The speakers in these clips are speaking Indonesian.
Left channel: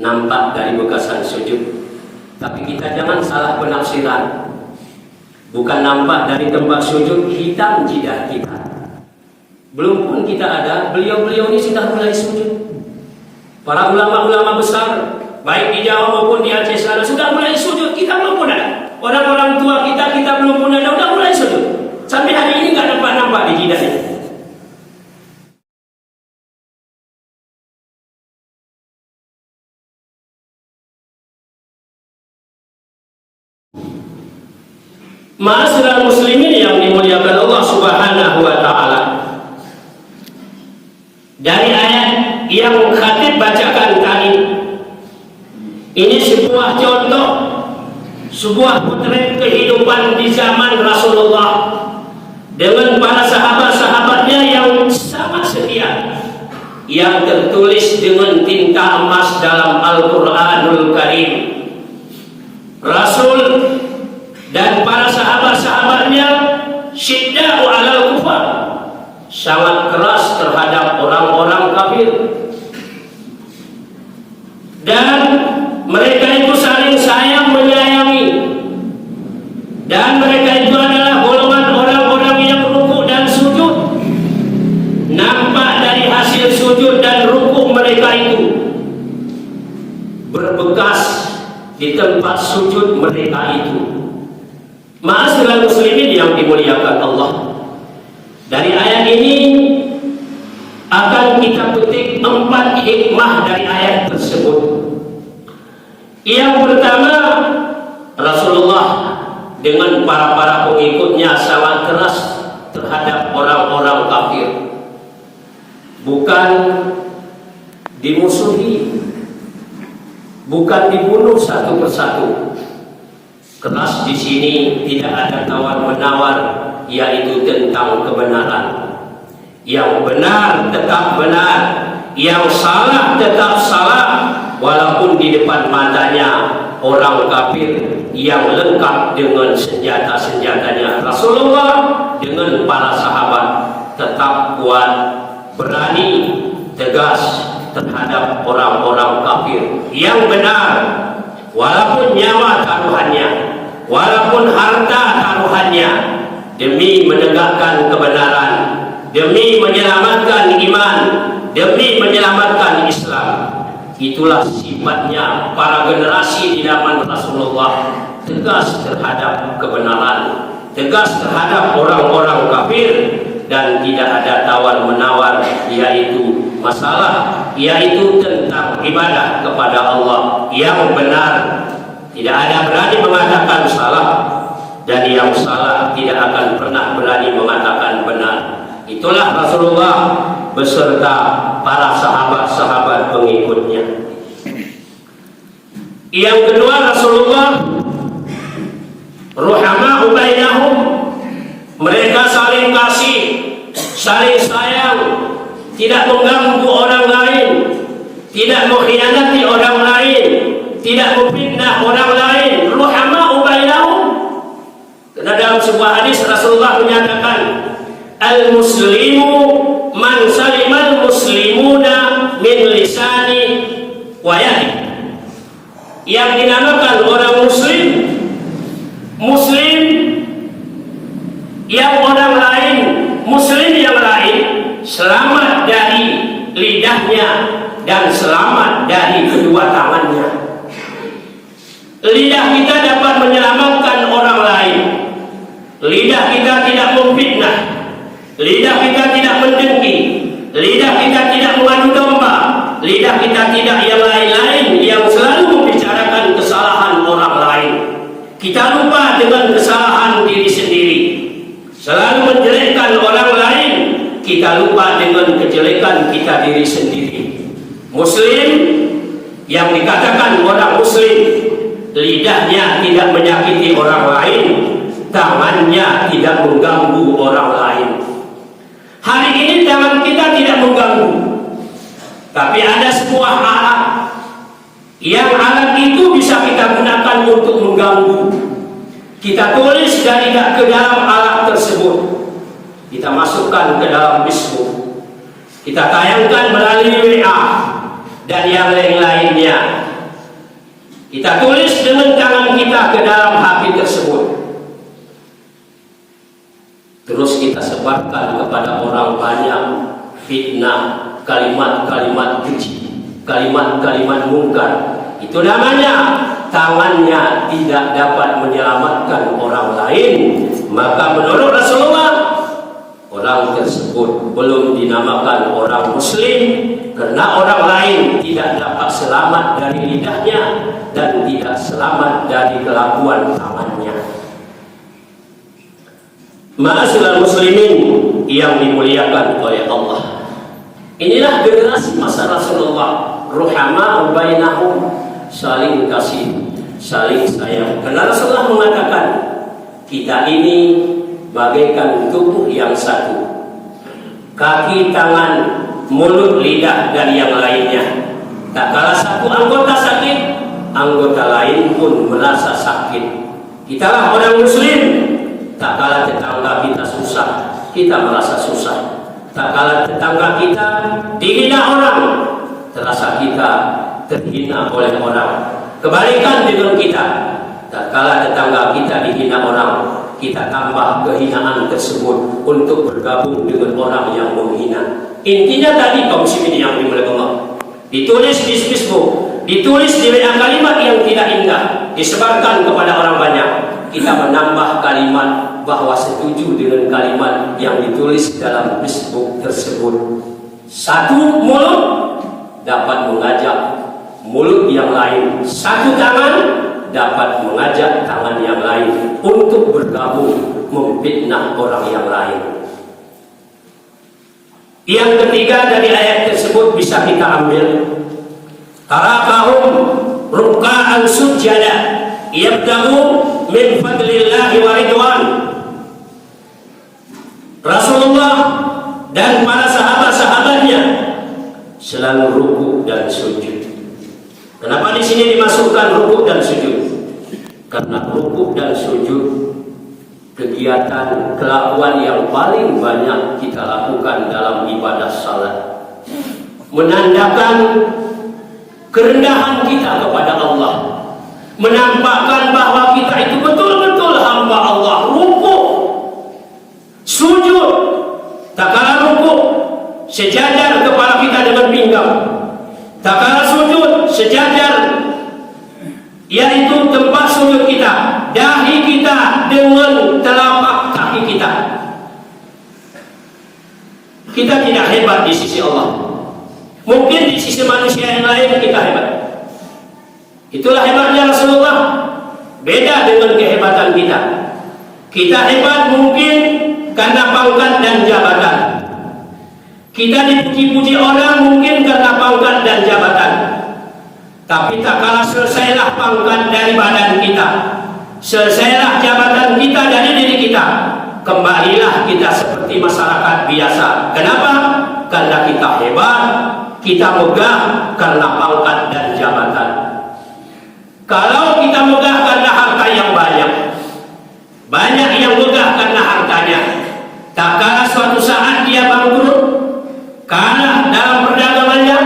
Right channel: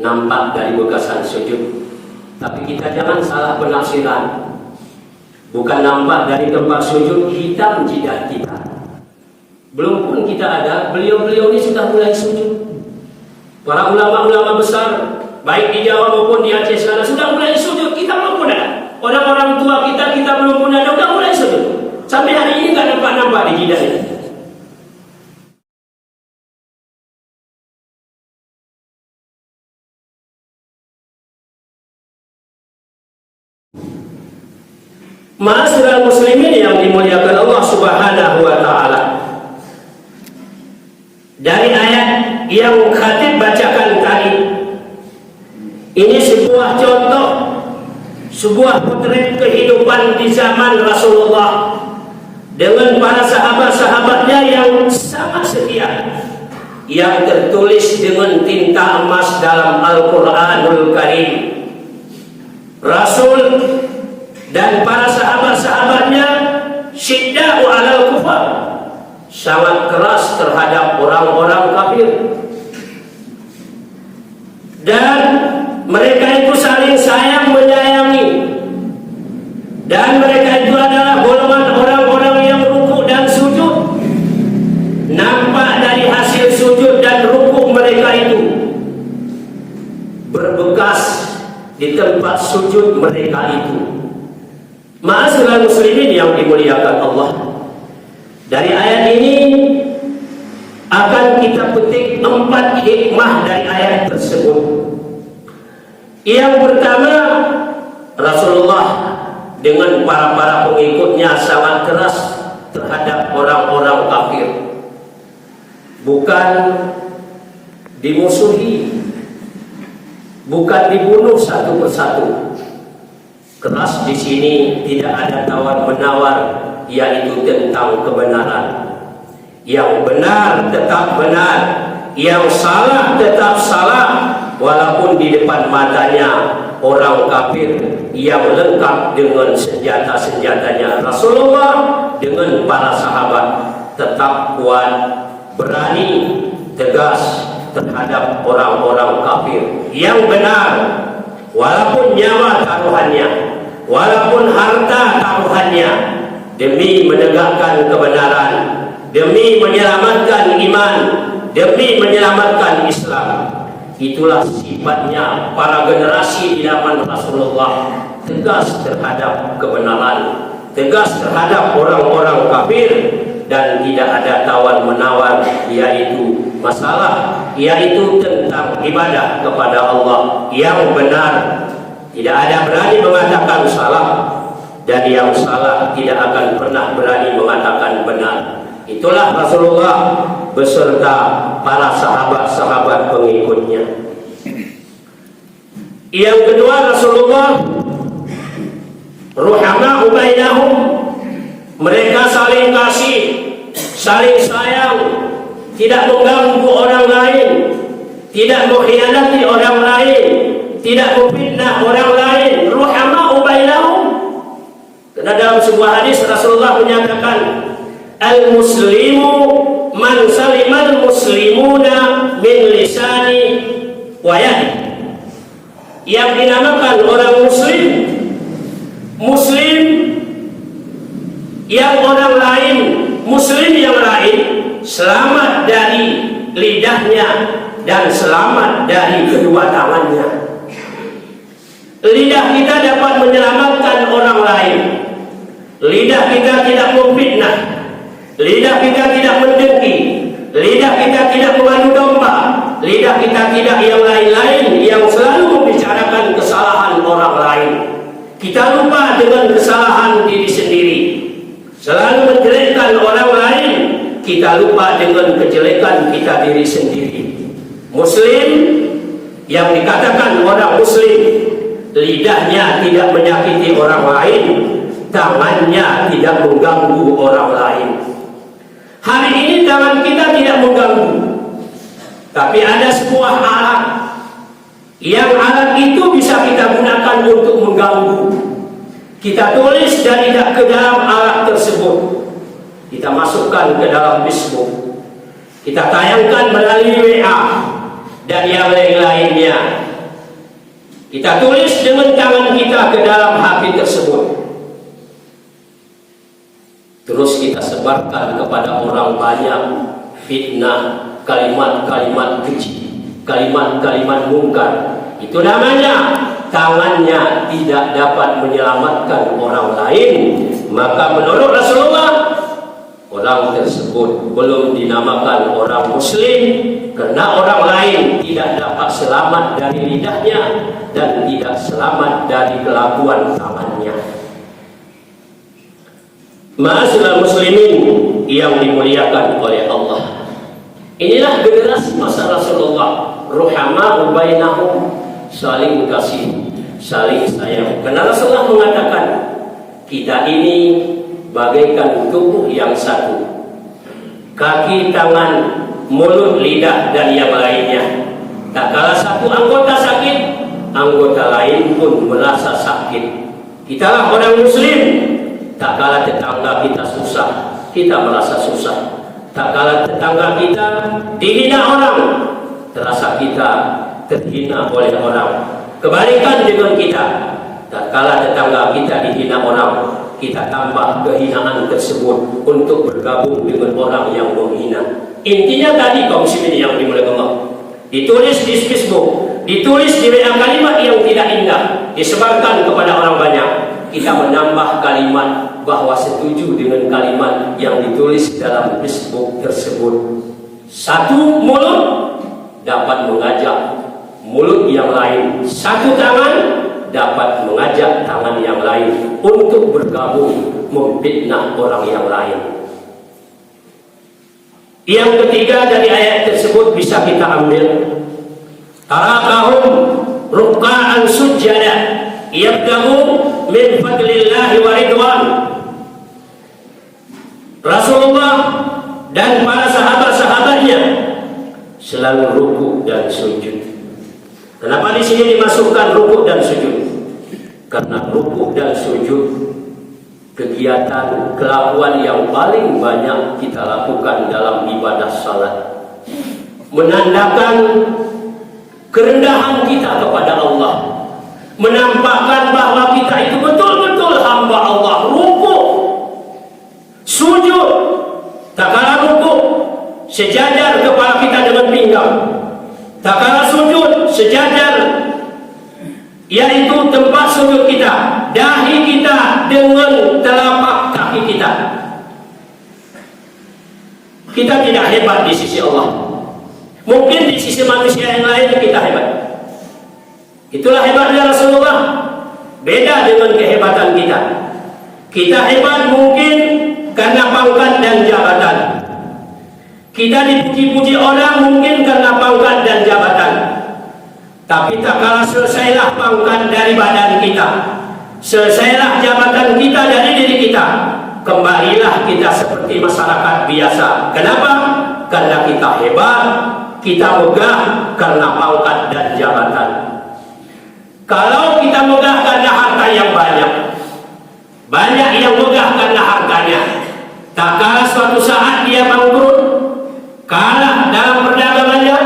nampak dari bekasan sujud. Tapi kita jangan salah penafsiran. Bukan nampak dari tempat sujud, hitam jidat kita. Belum pun kita ada, beliau-beliau ini sudah mulai sujud. Para ulama-ulama besar, baik di Jawa maupun di Aceh sana, sudah mulai sujud. Kita belum pun ada. Orang-orang tua kita belum pun ada, sudah mulai sujud. Sampai hari ini nggak nampak-nampak di jidahnya. Ma'asyiral muslimin yang dimuliakan Allah Subhanahu wa taala. Dari ayat yang khatib bacakan tadi, ini sebuah contoh, sebuah potret kehidupan di zaman Rasulullah dengan para sahabat-sahabatnya yang sangat setia, yang tertulis dengan tinta emas dalam Al-Quranul Karim. Rasul dan para sahabat-sahabatnya syidda'u 'alal kufar, sangat keras terhadap orang-orang kafir. Dan mereka itu saling sayang menyayangi. Dan mereka itu adalah golongan orang-orang yang ruku dan sujud. Nampak dari hasil sujud dan ruku mereka itu berbekas di tempat sujud mereka itu. Ma'asyiral muslimin yang dimuliakan Allah. Dari ayat ini akan kita petik 4 hikmah dari ayat tersebut. Yang pertama, Rasulullah dengan para pengikutnya sangat keras terhadap orang-orang kafir. Bukan dimusuhi, bukan dibunuh satu persatu. Keras di sini tidak ada tawar-menawar, yaitu tentang kebenaran. Yang benar tetap benar, yang salah tetap salah, walaupun di depan matanya orang kafir yang lengkap dengan senjata-senjatanya. Rasulullah dengan para sahabat tetap kuat, berani, tegas terhadap orang-orang kafir yang benar, walaupun nyawa taruhannya, walaupun harta taruhannya, demi menegakkan kebenaran, demi menyelamatkan iman, demi menyelamatkan Islam. Itulah sifatnya para generasi di zaman Rasulullah, tegas terhadap kebenaran, tegas terhadap orang-orang kafir, dan tidak ada tawar-menawar, yaitu tentang ibadah kepada Allah yang benar. Tidak ada berani mengatakan salah, dan yang salah tidak akan pernah berani mengatakan benar. Itulah Rasulullah beserta para sahabat-sahabat pengikutnya. Yang kedua, Rasulullah ruhama'u bainahum, mereka saling kasih, saling sayang, tidak mengganggu orang lain, tidak mengkhianati orang lain, tidak memfitnah orang lain. Ruhama'u bainahum. Karena dalam sebuah hadis Rasulullah menyatakan, al-muslimu man salimal muslimuna min lisani wa yadi. Yang dinamakan orang muslim, muslim yang orang lain, muslim yang lain selamat dari lidahnya dan selamat dari kedua tangannya. Lidah kita dapat menyelamatkan orang lain. Lidah kita tidak memfitnah, lidah kita tidak mendengki, lidah kita tidak mengadu domba, lidah kita tidak yang lain-lain yang selalu membicarakan kesalahan orang lain. Kita lupa dengan kesalahan diri sendiri, selalu menjelekkan orang lain. Kita lupa dengan kejelekan kita diri sendiri. Muslim yang dikatakan orang muslim, lidahnya tidak menyakiti orang lain, tangannya tidak mengganggu orang lain. Hari ini tangan kita tidak mengganggu, tapi ada sebuah alat, yang alat itu bisa kita gunakan untuk mengganggu. Kita tulis dan tidak ke dalam alat tersebut, kita masukkan ke dalam Facebook, kita tayangkan melalui WA, dan yang lain-lainnya. Kita tulis dengan tangan kita ke dalam hati tersebut. Terus kita sebarkan kepada orang banyak fitnah, kalimat-kalimat keji, kalimat-kalimat mungkar. Itu namanya tangannya tidak dapat menyelamatkan orang lain. Maka menurut Rasulullah, orang tersebut belum dinamakan orang muslim, karena orang lain tidak dapat selamat dari lidahnya dan tidak selamat dari kelakuan tangannya. Ma'asyiral muslimin yang dimuliakan oleh Allah, inilah generasi masa Rasulullah, ruhama bainahum, saling kasih, saling sayang. Karena Rasulullah mengatakan, kita ini bagaikan tubuh yang satu, kaki, tangan, mulut, lidah, dan yang lainnya. Tak kala satu anggota sakit, anggota lain pun merasa sakit. Kitalah orang muslim. Tak kala tetangga kita susah, kita merasa susah. Tak kala tetangga kita dihina orang, terasa kita terhina oleh orang. Kebalikan dengan kita, tak kala tetangga kita dihina orang, kita tambah kehinaan tersebut untuk bergabung dengan orang yang menghina. Intinya tadi kaum muslimin yang dimuliakan Allah, ditulis di Facebook, ditulis di WA kalimat yang tidak indah, disebarkan kepada orang banyak. Kita menambah kalimat bahwa setuju dengan kalimat yang ditulis dalam Facebook tersebut. Satu mulut dapat mengajak mulut yang lain, satu tangan dapat mengajak tangan yang lain untuk bergabung memfitnah orang yang lain. Yang ketiga dari ayat tersebut bisa kita ambil, tarakahum ruk'an sujada yabtagu min fadlillahi wa ridwan. Rasulullah dan para sahabat-sahabatnya selalu rukuk dan sujud. Kenapa di sini dimasukkan rukuk dan sujud? Karena rukuk dan sujud kegiatan kelakuan yang paling banyak kita lakukan dalam ibadah salat, menandakan kerendahan kita kepada Allah, menampakkan bahwa kita itu betul-betul hamba Allah. Rukuk, sujud, tak kala rukuk sejajar kepala kita dengan pinggang, tak kala sujud sejajar, yaitu tempat sujud kita, dahi kita dengan telapak kaki kita. Kita tidak hebat di sisi Allah, mungkin di sisi manusia yang lain kita hebat. Itulah hebatnya Rasulullah, beda dengan kehebatan kita. Kita hebat mungkin karena pangkat dan jabatan, kita dipuji-puji orang mungkin karena pangkat dan jabatan. Tapi tak kala selesailah pangkat dari badan kita, selesailah jabatan kita dari diri kita, kembalilah kita seperti masyarakat biasa. Kenapa? Karena kita hebat, kita megah karena pangkat dan jabatan. Kalau kita megah karena harta yang banyak, banyak yang megah karena hartanya, tak kala suatu saat dia bangkrut, kalah dalam perdagangannya,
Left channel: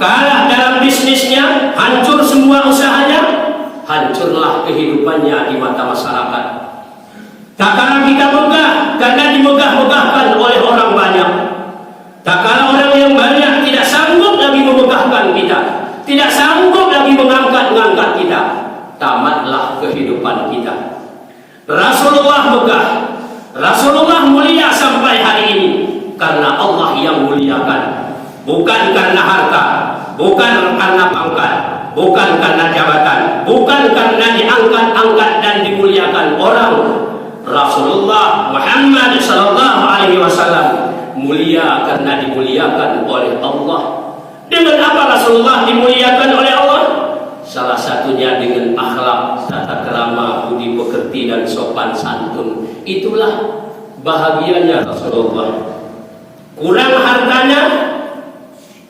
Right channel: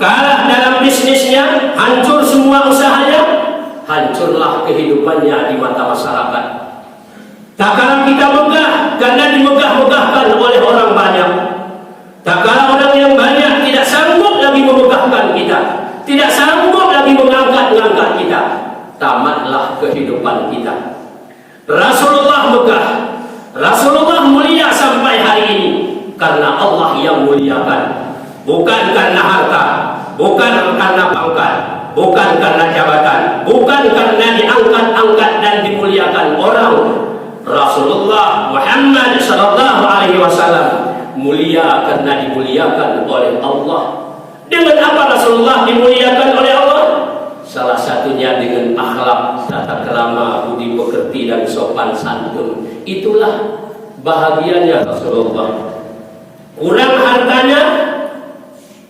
kalah dalam bisnisnya, hancur semua usahanya, hancurlah kehidupannya di mata masyarakat. Tak kala kita megah karena dimegah-megahkan oleh orang banyak, tak kala orang yang banyak tidak sanggup lagi memegahkan kita, tidak sanggup lagi mengangkat-ngangkat kita, tamatlah kehidupan kita. Rasulullah megah, Rasulullah mulia sampai hari ini karena Allah yang muliakan, bukan karena harta, bukan karena pangkat, bukan karena jabatan, bukan karena diangkat-angkat dan dimuliakan orang. Rasulullah Muhammad sallallahu alaihi wasallam mulia karena dimuliakan oleh Allah. Dengan apa Rasulullah dimuliakan oleh Allah? Salah satunya dengan akhlak, tata krama, budi pekerti dan sopan santun. Itulah bahagianya Rasulullah. Kurang hartanya,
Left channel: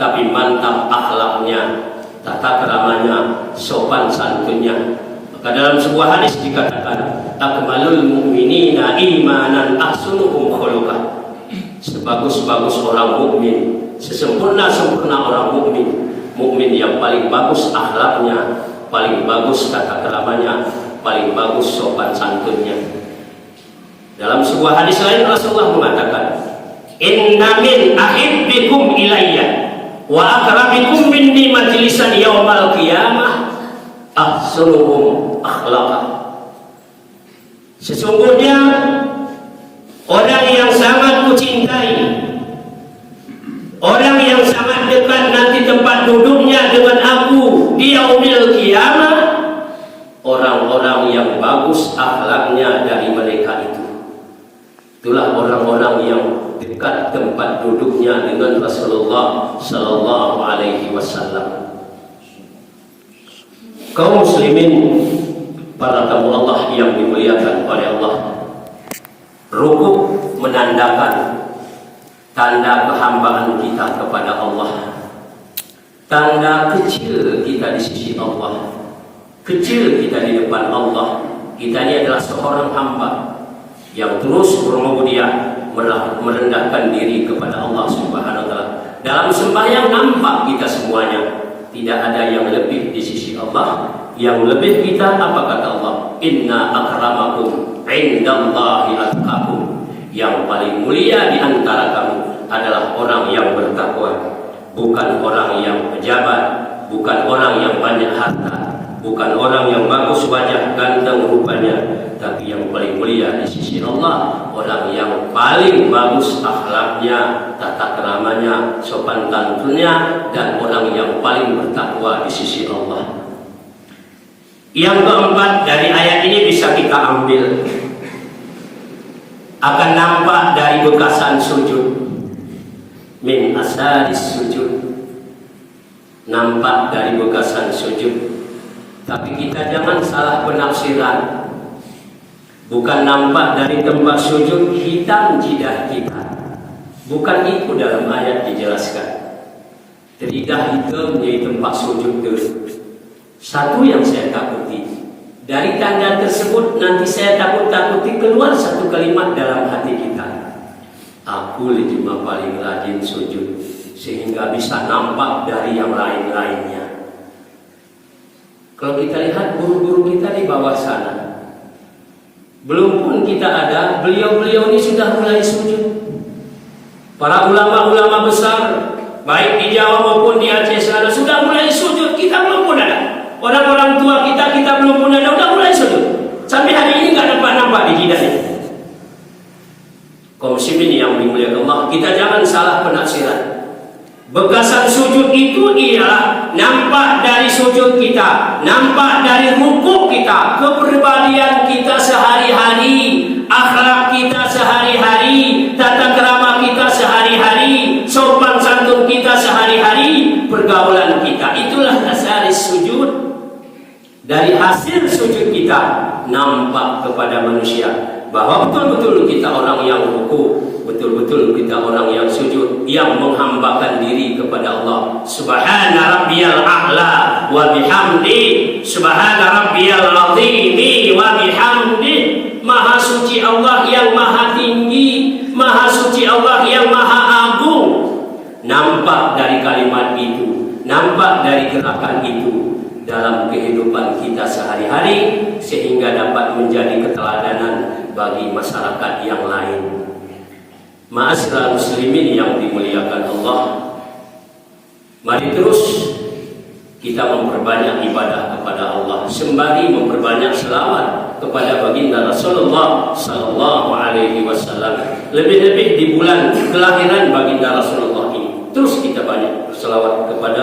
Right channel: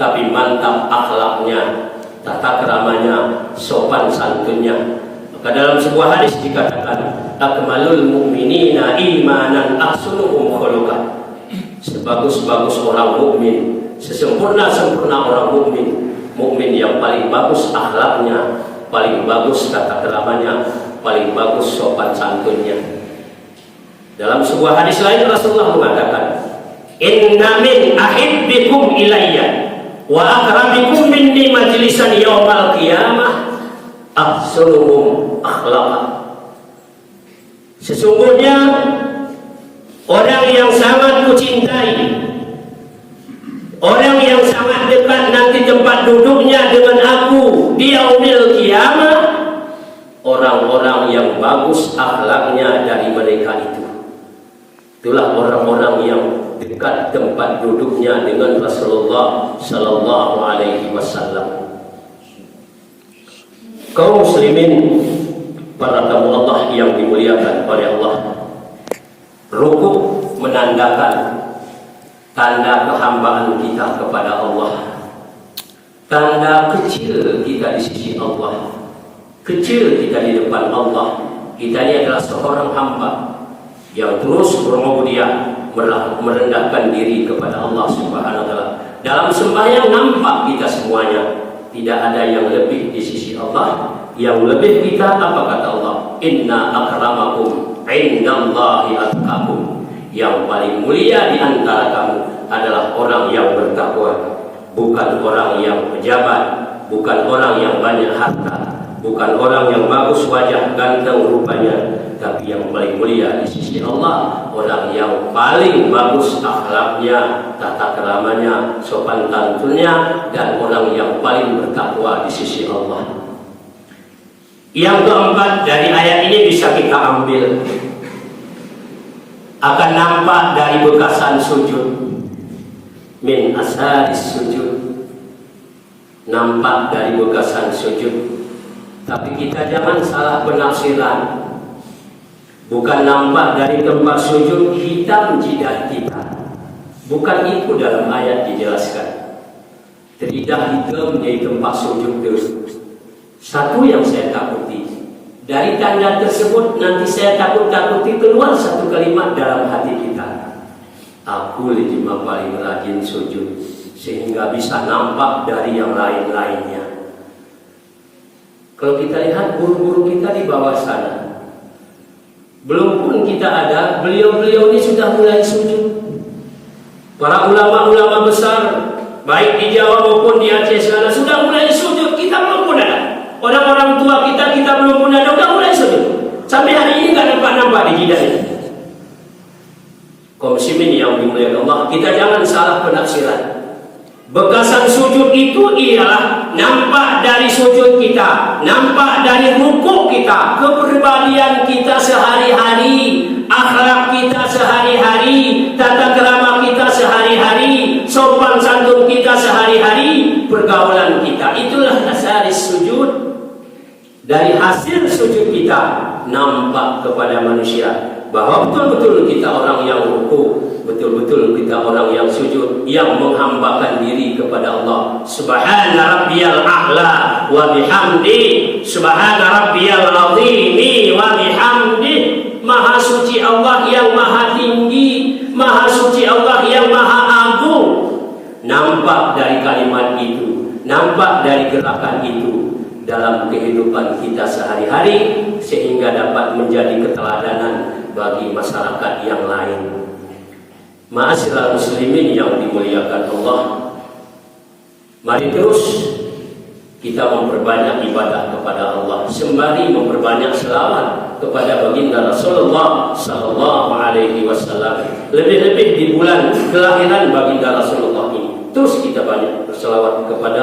tapi mantap akhlaknya, tata keramanya, sopan santunnya. Maka dalam sebuah hadis dikatakan, akmalul mu'minina imanan ahsunuhum khuluqan. Sebagus-bagus orang mukmin, sesempurna-sempurna orang mukmin, mukmin yang paling bagus akhlaknya, paling bagus tata keramanya, paling bagus sopan santunnya. Dalam sebuah hadis lain Rasulullah mengatakan, "Inna min ahibbikum ilayya wa akrabikum minni majlisan yaumal qiyamah ahsanuhum akhlaqan." Sesungguhnya orang yang sangat kucintai, orang yang sangat dekat nanti tempat duduknya dengan aku di yaumil qiyamah, orang-orang yang bagus akhlaknya dari mereka itu. Itulah orang-orang yang dekat tempat duduknya dengan Rasulullah sallallahu alaihi wasallam. Kaum muslimin, para tamu Allah yang dimuliakan oleh Allah, rukuk menandakan tanda kehambaan kita kepada Allah, tanda kecil kita di sisi Allah, kecil kita di depan Allah. Kita ini adalah seorang hamba yang terus bermulia merendahkan diri kepada Allah Subhanahu wa taala. Dalam sembahyang nampak kita semuanya, tidak ada yang lebih di sisi Allah. Yang lebih kita apa kata Allah? Inna akramakum indallahi atqakum. Yang paling mulia di antara kamu adalah orang yang bertakwa, bukan orang yang pejabat, bukan orang yang banyak harta, bukan orang yang bagus wajah, ganteng rupanya, tapi yang paling mulia di sisi Allah, orang yang paling bagus akhlaknya, tata keramanya, sopan santunnya, dan orang yang paling bertakwa di sisi Allah. Yang keempat dari ayat ini bisa kita ambil, akan nampak dari bekasan sujud, min asaris sujud, nampak dari bekasan sujud. Tapi kita jangan salah penafsiran, bukan nampak dari tempat sujud hitam jidah kita, bukan itu dalam ayat dijelaskan. Tidak hitam di tempat sujud itu. Satu yang saya takuti dari tanda tersebut, nanti saya takuti keluar satu kalimat dalam hati kita, aku cuma paling rajin sujud, sehingga bisa nampak dari yang lain-lainnya. Kalau kita lihat guru-guru kita di bawah sana, belum pun kita ada, beliau-beliau ini sudah mulai sujud. Para ulama-ulama besar, baik di Jawa maupun di Aceh sana, sudah mulai sujud. Kita belum pun ada. Orang-orang tua kita belum pun ada, udah mulai sujud. Sampai hari ini nggak nampak di hidayah. Kaum muslimin yang dimuliakan Allah, kita jangan salah penafsiran. Bekasan sujud itu ialah nampak dari sujud kita, nampak dari rukuk kita, kepribadian kita sehari-hari, akhlak kita sehari-hari, tata krama kita sehari-hari, sopan santun kita sehari-hari, pergaulan kita. Itulah dasar sujud. Dari hasil sujud kita nampak kepada manusia bahwa betul-betul kita orang yang rukuk, betul-betul kita orang yang sujud, yang menghambakan diri kepada Allah. Subhana rabbiyal a'la wa bihamdi, subhana rabbiyal azimi wa bihamdi. Maha suci Allah yang maha tinggi, maha suci Allah yang maha agung. Nampak dari kalimat itu, nampak dari gerakan itu dalam kehidupan kita sehari-hari, sehingga dapat menjadi keteladanan bagi masyarakat yang lain. Ma'asyiral muslimin yang dimuliakan Allah, mari terus kita memperbanyak ibadah kepada Allah, sembari memperbanyak selawat kepada baginda Rasulullah sallallahu alaihi wasallam. Lebih-lebih di bulan kelahiran baginda Rasulullah ini, terus kita banyak berselawat kepada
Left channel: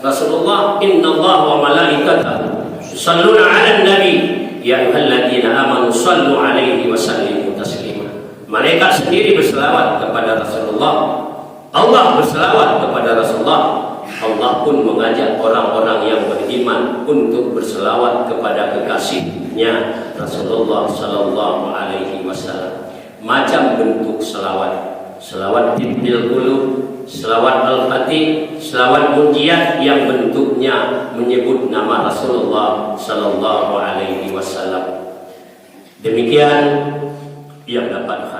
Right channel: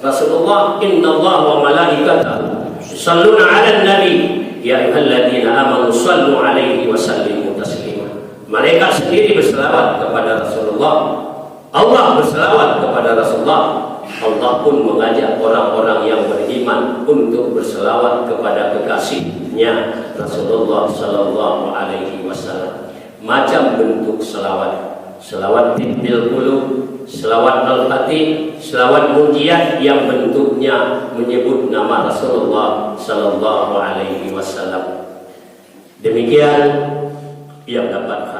Rasulullah. Innallaha wa malaikatahu yusholluna 'alan nabi ya ayyuhalladzina amanu shallu 'alaihi wa sallimu taslima. Mereka sendiri berselawat kepada Rasulullah, Allah berselawat kepada Rasulullah. Allah pun mengajak orang-orang yang beriman untuk berselawat kepada kekasihnya Rasulullah sallallahu alaihi wasallam. Macam bentuk selawat, selawat bil qulub, selawat al-fatih, selawat munjiat yang bentuknya menyebut nama Rasulullah sallallahu alaihi wasallam. Demikian yang dapat